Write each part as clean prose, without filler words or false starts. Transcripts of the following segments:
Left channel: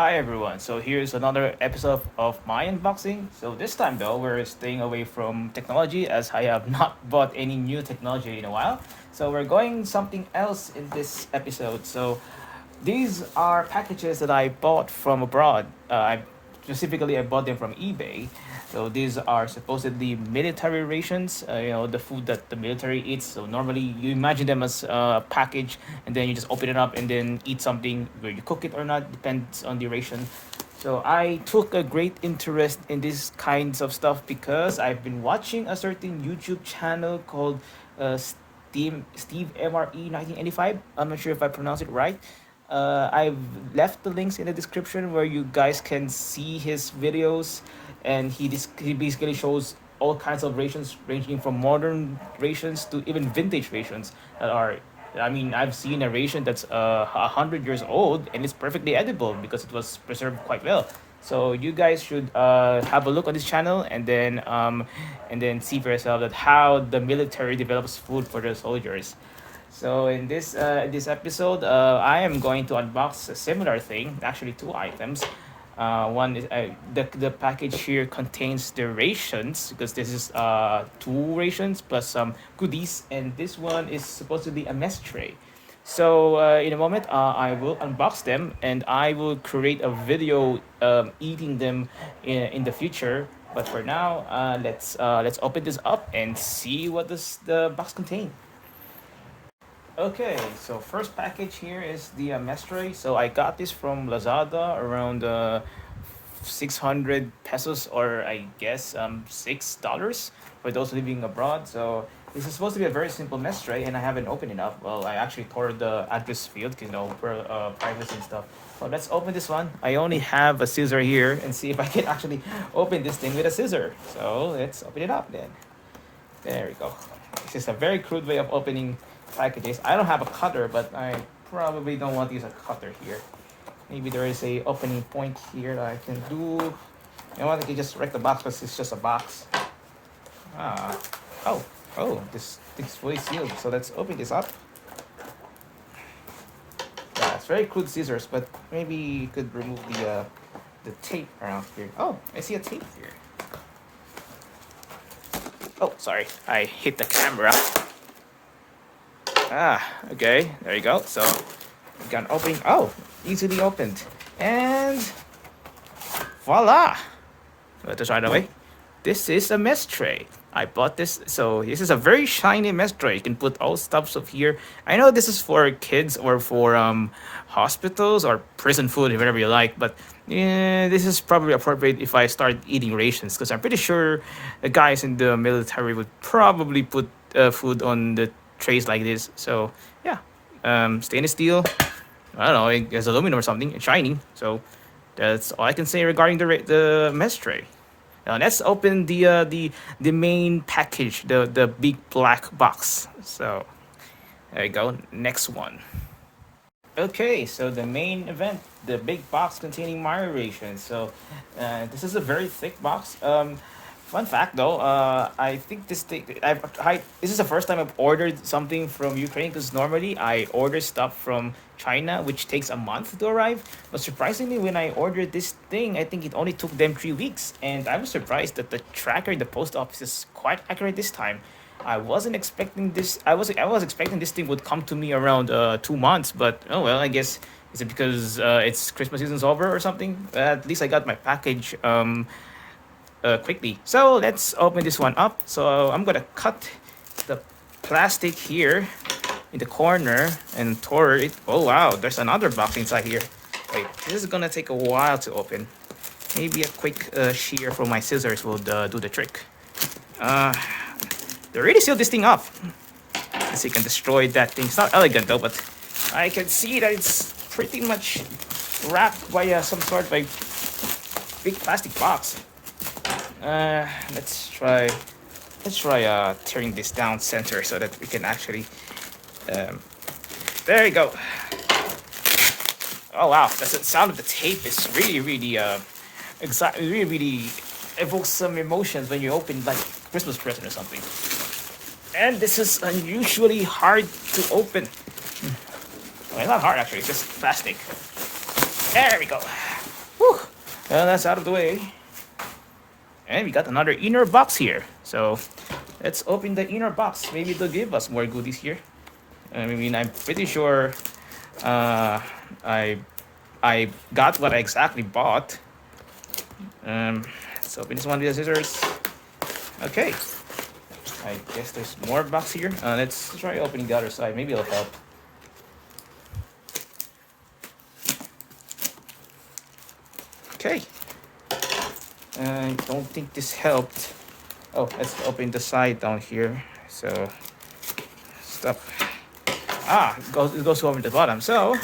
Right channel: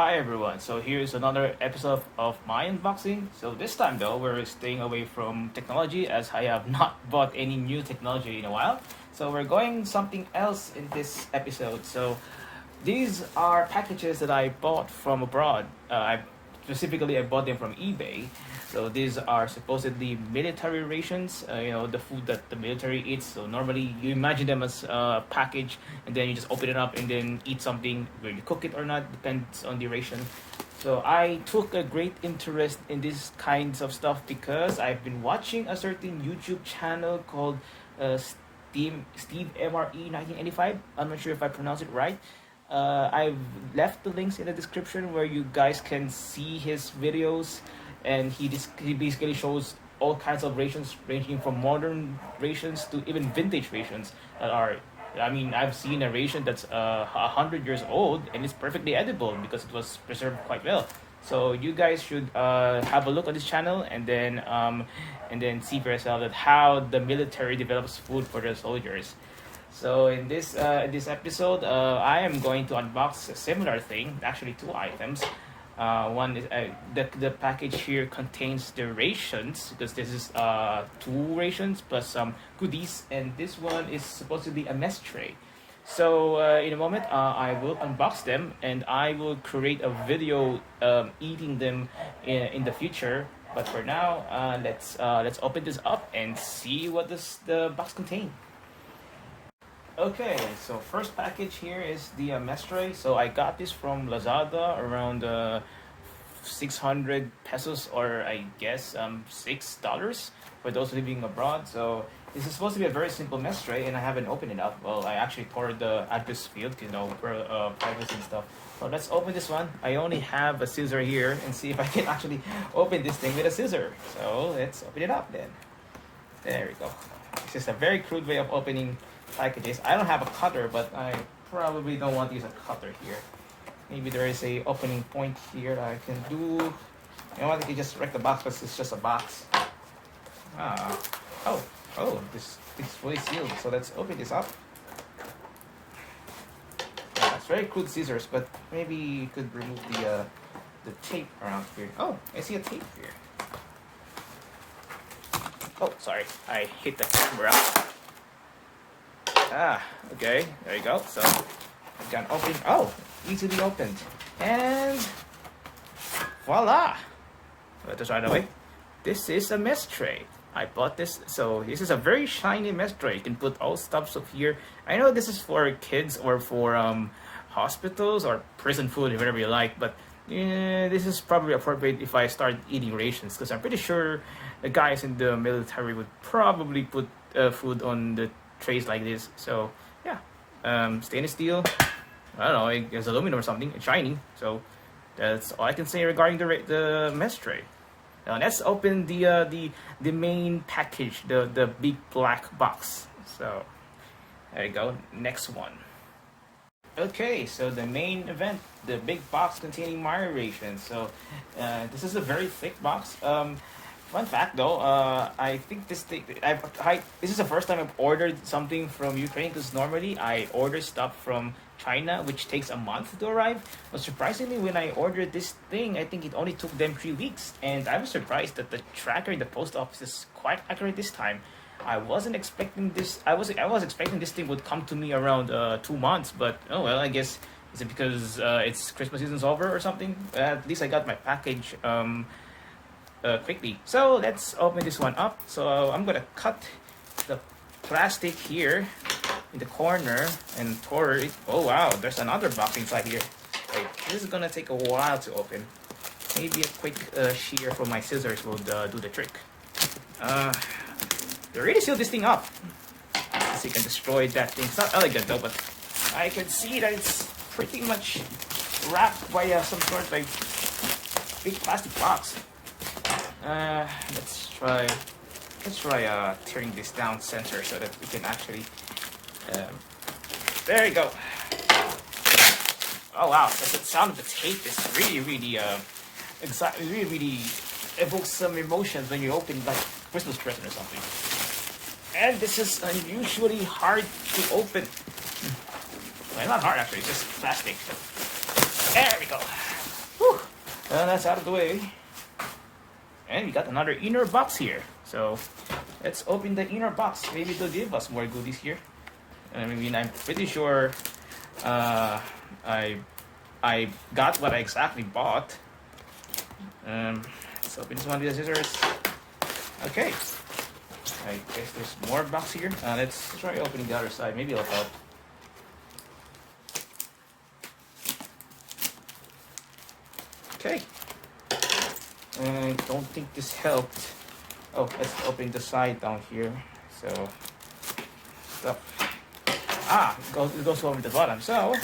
Hi everyone. So here's another episode of my unboxing. So this time though, we're staying away from technology as I have not bought any new technology in a while. So we're going something else in this episode. So these are packages that I bought from abroad. I bought them from eBay. So these are supposedly military rations. The food that the military eats. So normally you imagine them as a package, and then you just open it up and then eat something. Where you cook it or not depends on the ration. So I took a great interest in these kinds of stuff because I've been watching a certain YouTube channel called Steve MRE 1985. I'm not sure if I pronounced it right. I've left the links in the description where you guys can see his videos, and he basically shows all kinds of rations ranging from modern rations to even vintage rations that are. I mean, I've seen a ration that's 100 years old and it's perfectly edible because it was preserved quite well. So you guys should have a look on this channel and then see for yourself that how the military develops food for their soldiers. So in this episode, I am going to unbox a similar thing. Actually, two items. One is the package here contains the rations because this is two rations plus some goodies, and this one is supposed to be a mess tray. So in a moment, I will unbox them and I will create a video eating them in the future. But for now, let's open this up and see what the box contains. Okay, so first package here is the mesh tray. So I got this from Lazada around 600 pesos, or I guess $6 for those living abroad. So this is supposed to be a very simple mesh tray, and I haven't opened it up. Well, I actually tore the address field, for privacy and stuff. Well, let's open this one. I only have a scissor here, and see if I can actually open this thing with a scissor. So let's open it up then. There we go. This is a very crude way of opening packages. I don't have a cutter, but I probably don't want to use a cutter here. Maybe there is a opening point here that I can do. You know what? I can just wreck the box because it's just a box. Ah, this thing's fully sealed. So let's open this up. Yeah, it's very crude scissors, but maybe you could remove the tape around here. Oh, I see a tape here. Oh, sorry, I hit the camera. Okay, there you go. So, I've got an opening. Oh, easily opened. And voila! Let us right away. This is a mess tray. I bought this. So, this is a very shiny mess tray. You can put all stuffs of here. I know this is for kids or for hospitals or prison food, whatever you like, but yeah, this is probably appropriate if I start eating rations because I'm pretty sure the guys in the military would probably put food on the trays like this. So yeah, stainless steel. I don't know, it's aluminum or something. It's shiny. So that's all I can say regarding the mess tray. Now let's open the main package, the big black box. So there you go. Next one. Okay, so the main event, the big box containing Mario Ration. So this is a very thick box. Fun fact though, I think this thing, this is the first time I've ordered something from Ukraine because normally I order stuff from China, which takes a month to arrive. But surprisingly, when I ordered this thing, I think it only took them 3 weeks. And I'm surprised that the tracker in the post office is quite accurate this time. I wasn't expecting this. I was expecting this thing would come to me around 2 months, but oh well. I guess is it because it's Christmas season's over or something? At least I got my package quickly. So let's open this one up. So I'm gonna cut the plastic here in the corner and tore it. Oh wow, there's another box inside here. Wait, this is gonna take a while to open. Maybe a quick shear from my scissors will do the trick. They really sealed this thing up. So you can destroy that thing. It's not elegant though, but I can see that it's pretty much wrapped by some sort of like big plastic box. Let's try tearing this down center so that we can actually. There you go. Oh wow, the sound of the tape is really really evokes some emotions when you open like Christmas present or something. And this is unusually hard to open. Well, not hard actually, it's just plastic. There we go. Whew. Well, that's out of the way. And we got another inner box here. So let's open the inner box. Maybe they'll give us more goodies here. I mean, I'm pretty sure uh, I I got what I exactly bought. Let's open this one with the scissors. Okay. I guess there's more box here. Let's try opening the other side. Maybe it'll help. Okay. I don't think this helped. Oh, let's open the side down here. So, stuff. It goes over the bottom. So,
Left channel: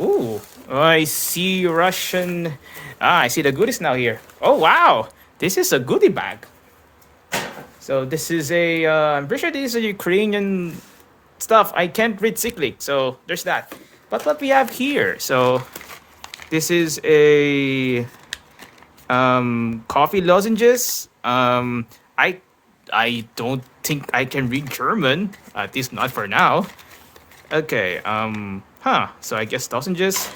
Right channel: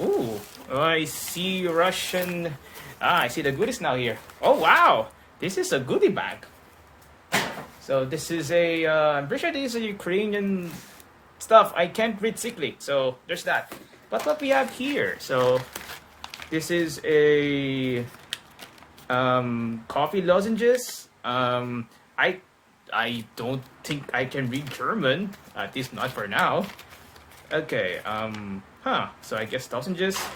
ooh, I see Russian. I see the goodies now here. Oh, wow. This is a goodie bag. So this is I'm pretty sure this is a Ukrainian stuff. I can't read Cyclic, so there's that. But what we have here, so this is a coffee lozenges. I don't think I can read German, at least not for now. Okay, so I guess lozenges.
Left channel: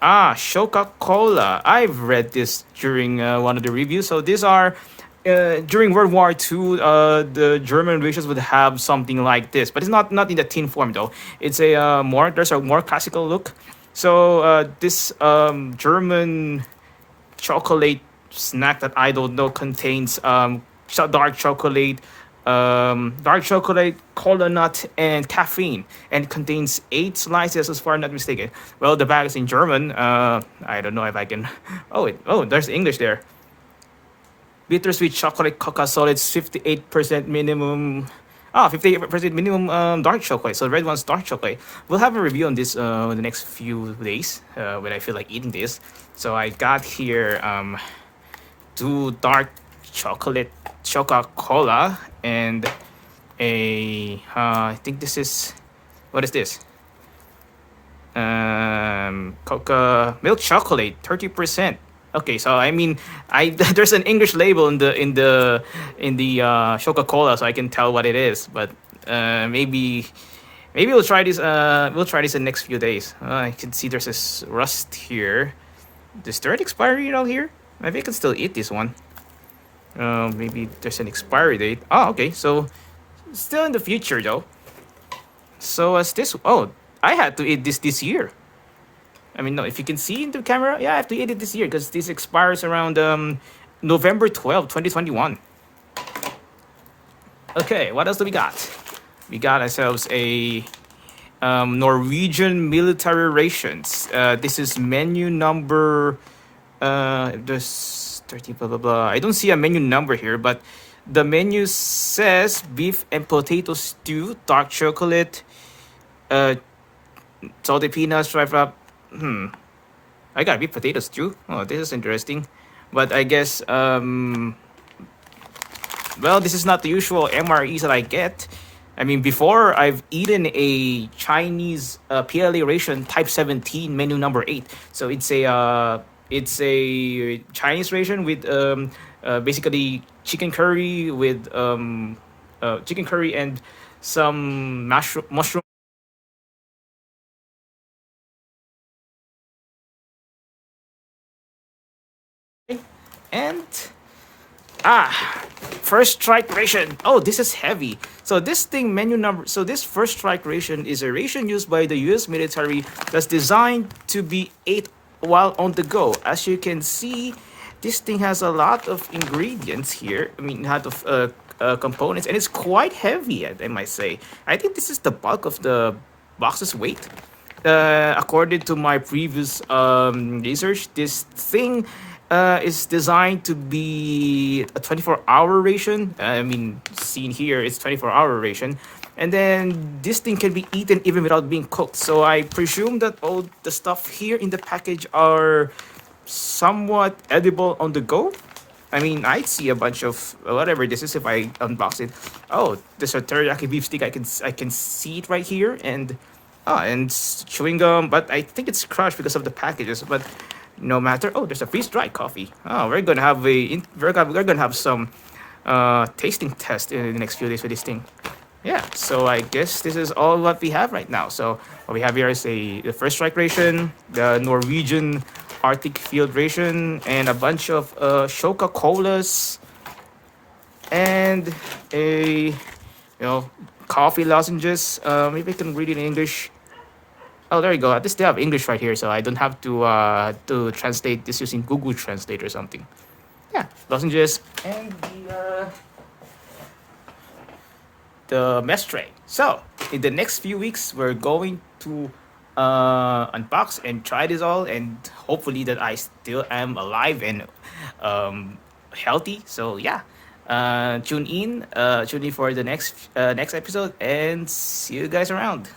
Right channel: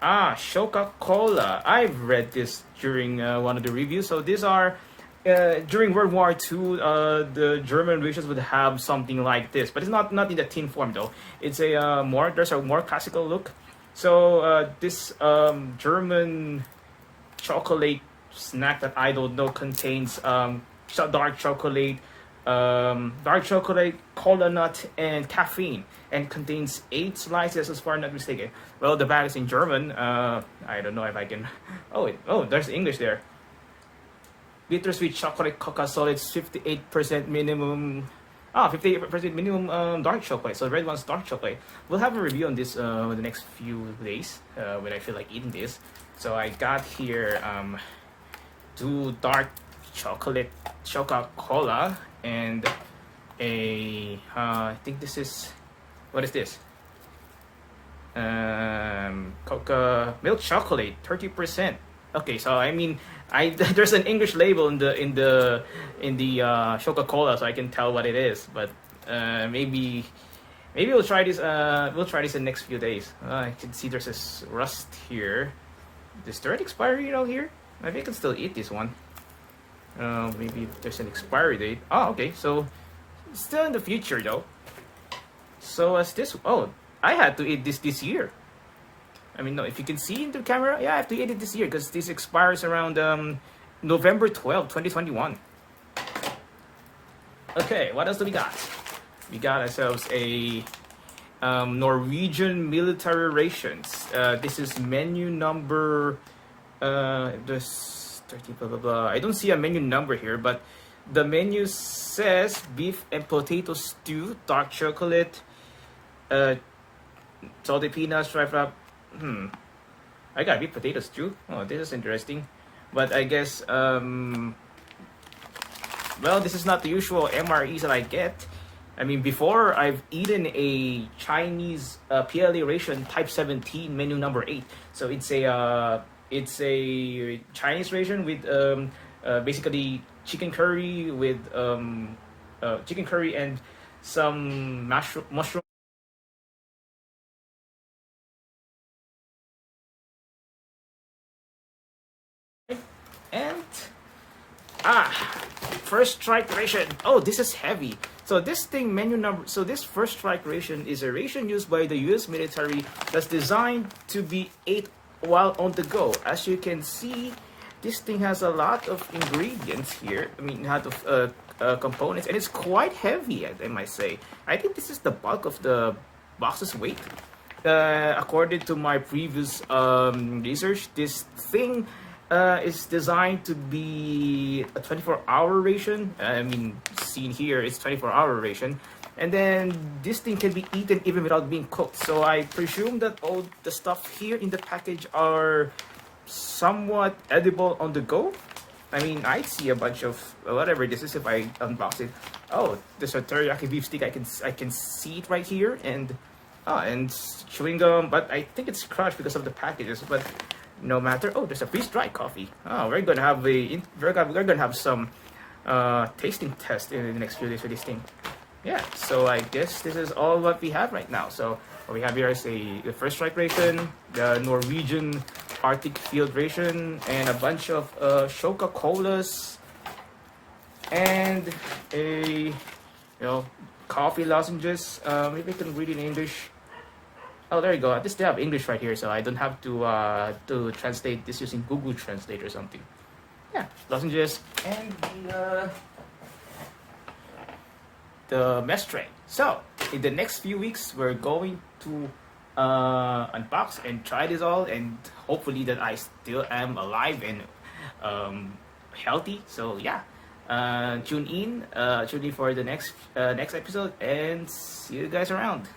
Scho-ka-Kola. I've read this during one of the reviews. So these are during World War II, the German rations would have something like this, but it's not in the tin form though. It's a there's a more classical look. So this German chocolate snack that I don't know contains dark chocolate, cola nut, and caffeine, and contains 8 slices, as far as I'm not mistaken. Well, the bag is in German. I don't know if I can. Oh, there's English there. Bittersweet chocolate cocoa solids, 58% minimum. 58% minimum dark chocolate. So the red one's dark chocolate. We'll have a review on this in the next few days when I feel like eating this. So I got here 2 dark chocolate Scho-ka-Kola and I think this is, what is this? Coca milk chocolate, 30%. Okay, so I mean, there's an English label in the Scho-ka-Kola, so I can tell what it is. But maybe we'll try this. We'll try this in the next few days. I can see there's this rust here. Is there an expiry out here? Maybe I can still eat this one. Maybe there's an expiry date. Oh, okay. So still in the future though. So as this. Oh, I had to eat this year. I mean, no, if you can see in the camera, yeah, I have to eat it this year because this expires around November 12, 2021. Okay, what else do we got? We got ourselves a Norwegian military rations. This is menu number, there's 30, blah, blah, blah. I don't see a menu number here, but the menu says beef and potato stew, dark chocolate, salted peanuts, dry wrap. I got beef potato stew. Oh, this is interesting. But I guess, well, this is not the usual MREs that I get. I mean, before I've eaten a Chinese PLA ration type 17 menu number 8. So it's a Chinese ration with basically chicken curry with chicken curry and some mushroom. And first strike ration. Oh, this is heavy. So this thing menu number. So this first strike ration is a ration used by the U.S. military that's designed to be ate while on the go. As you can see, this thing has a lot of ingredients here. I mean, a lot of components, and it's quite heavy. I might say. I think this is the bulk of the box's weight. According to my previous research, this thing is designed to be a 24-hour ration. I mean, seen here, it's 24-hour ration. And then this thing can be eaten even without being cooked. So I presume that all the stuff here in the package are somewhat edible on the go. I mean, I'd see a bunch of whatever this is if I unbox it. Oh, there's a teriyaki beef stick. I can see it right here, and chewing gum. But I think it's crushed because of the packages. But no matter. Oh, there's a freeze-dried coffee. Oh, we're gonna have some tasting test in the next few days with this thing. Yeah, so I guess this is all what we have right now. So what we have here is the first strike ration, the Norwegian Arctic Field Ration, and a bunch of Scho-ka-Kolas, and a coffee lozenges. Maybe I can read it in English. Oh, there you go. At least they have English right here, so I don't have to translate this using Google Translate or something. Yeah, lozenges and the mesh tray. So in the next few weeks, we're going to unbox and try this all, and hopefully that I still am alive and healthy. So yeah, tune in for the next episode, and see you guys around.